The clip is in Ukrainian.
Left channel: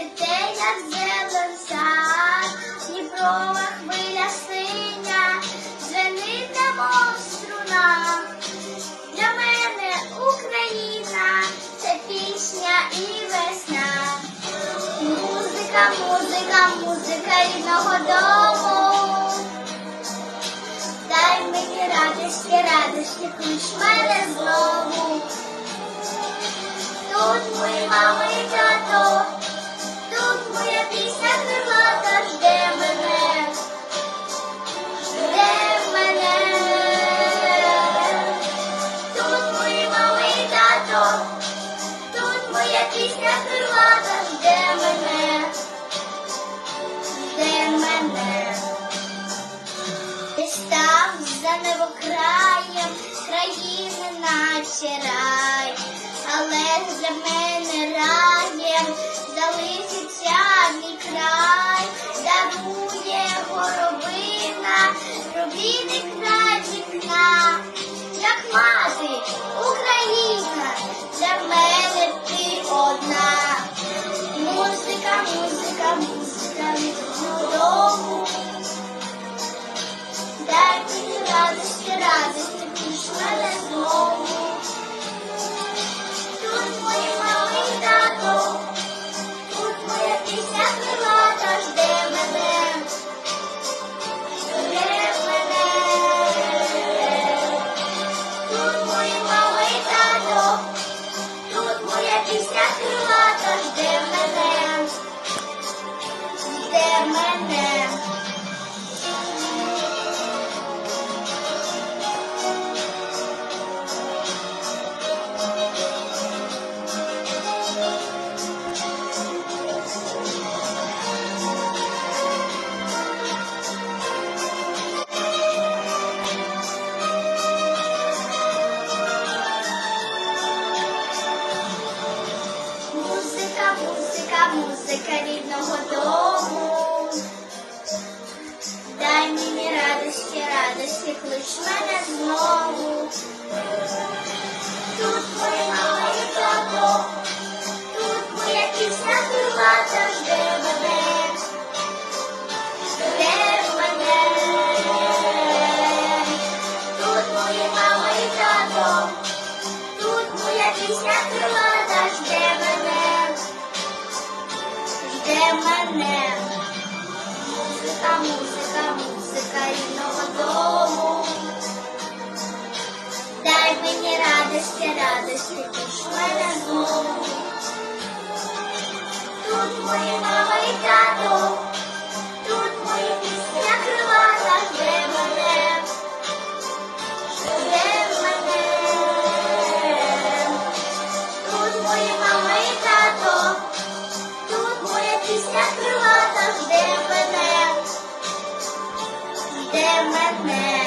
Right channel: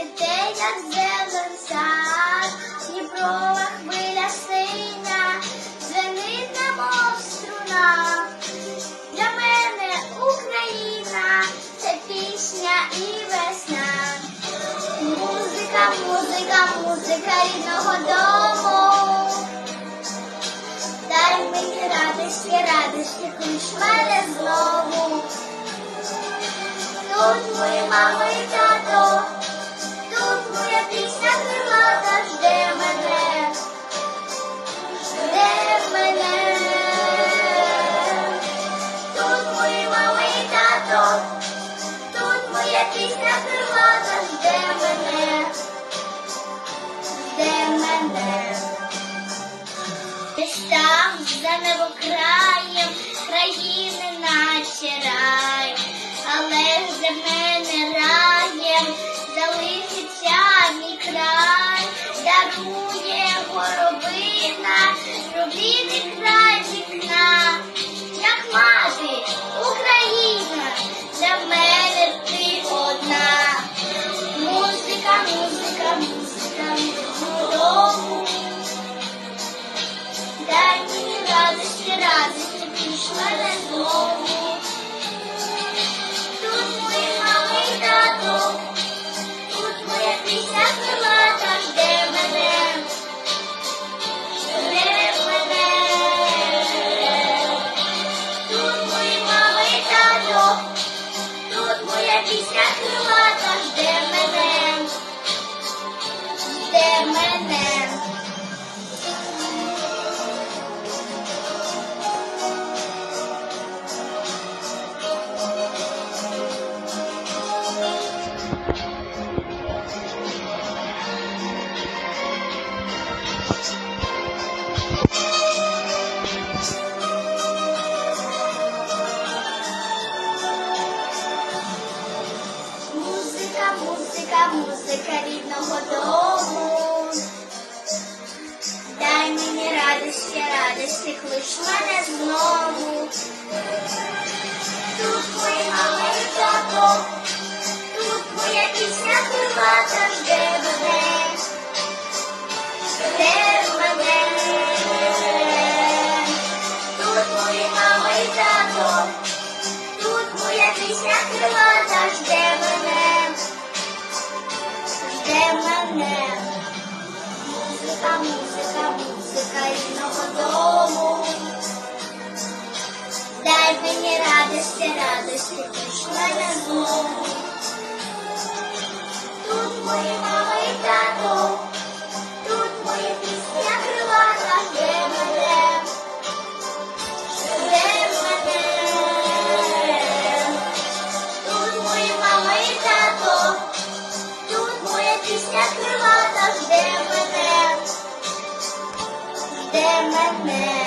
цвіте, як зелен сад, Дніпрова хвиля синя, звенить немов струна. Для мене Україна це пісня і весна. Музика, музика, музика рідного дому. Дай мені радості, радості, клич мене знову. Тут мої мама пісня крилата жде мене, жде мене. Десь там за небокраєм країни наче рай, але для мене раєм залишиться мій край, дарує горобина, рубіний край пісня крилата жде мене, жде мене. Мені радості, клич мене знову. Тут моя і тато, тут моя пісня крилата жде мене, жде мене. Тут моя мама і тато, тут моя пісня крилата жде мене, жде мене. Музика, музика, музика дому. Дай мені радості, радості, пішла я знову. Тут мої мама і тато, крилата жде мене, жде мене.